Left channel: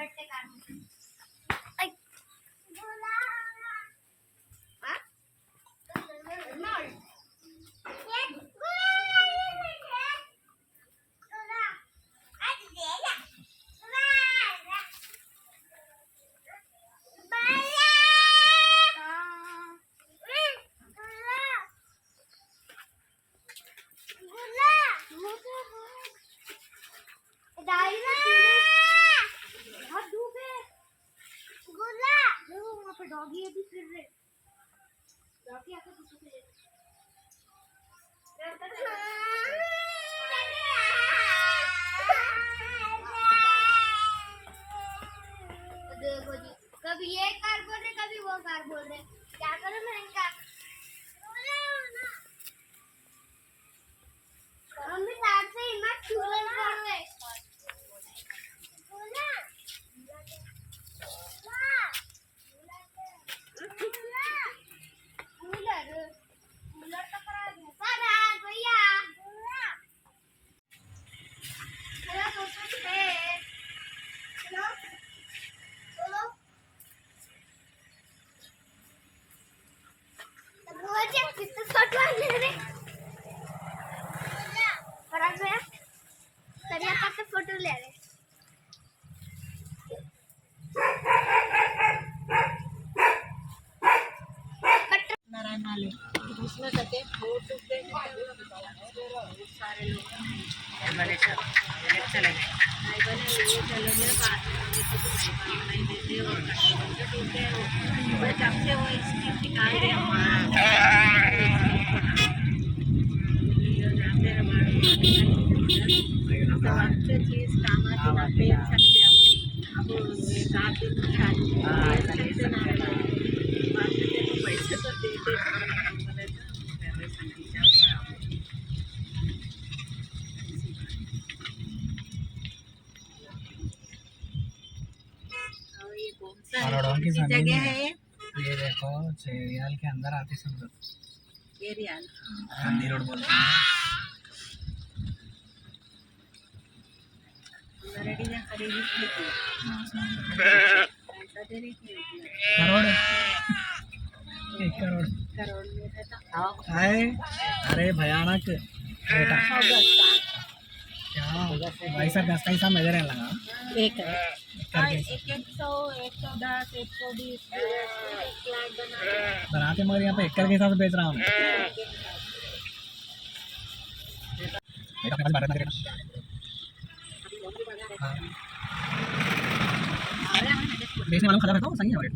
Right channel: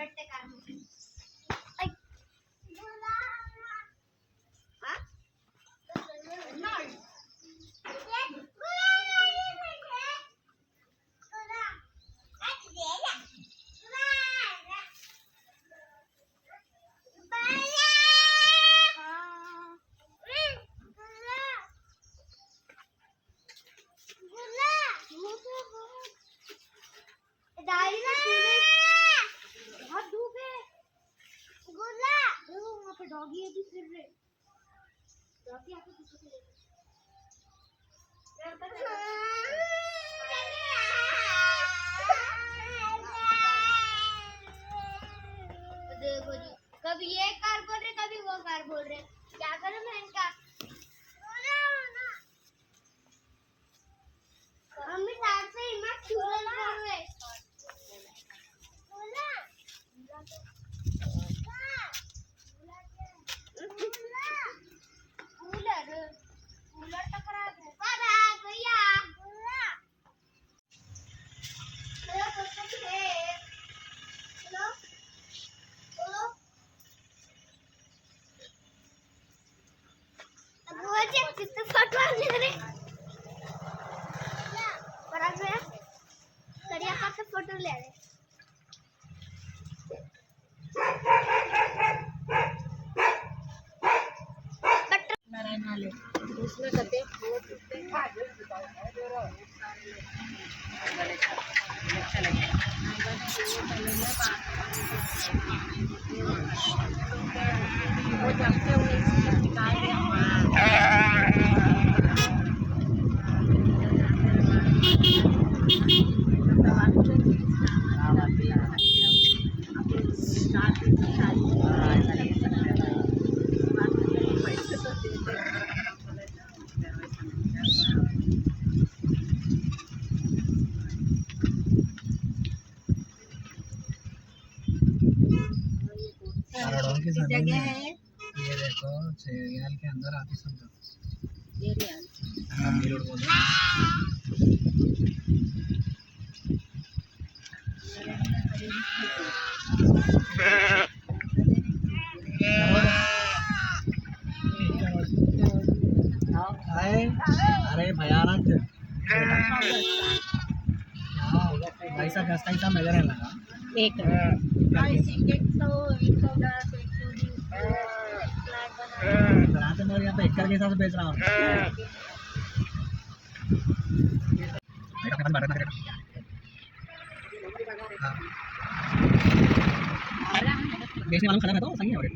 बैठते कार में डॉगी अभी फिर रहे डॉगी आके कुछ देखो जी कभी ये कार बोल रहे कभी वो कार बोल रहे क्या करूं मैं इनका मम्मी साथ से ही मैं कूलर कर रहे फोटो ले रहे नारायण वाले उसमें कहते फोटो पे सारे लोग बने चले गए नहीं बने चले गए बात नहीं देते वो जब से वो स्कीम निकाल रहे जगह है ये देखो रियाल के अंदर आते समझो ये रियाल गांधी रोड बोलते हैं करोड़ है अरे भयानक बेटा क्या वैसा गस्ता ही सब नजर लगा एक बनाते मगर यहाँ पे एकड़ के हिसाब से बेच रहा हूँ हाँ। बेचने वालों को खड़ा रहता हूँ सही है रेट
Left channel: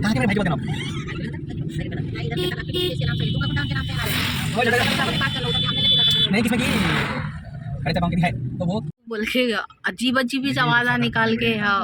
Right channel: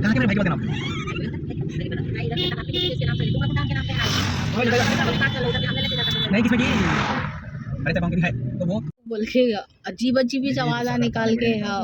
कहाँ के भाई बताना नहीं किसमें की अरे तब है तो वो बोल के अजीब अजीब आवाज़ निकाल के हाँ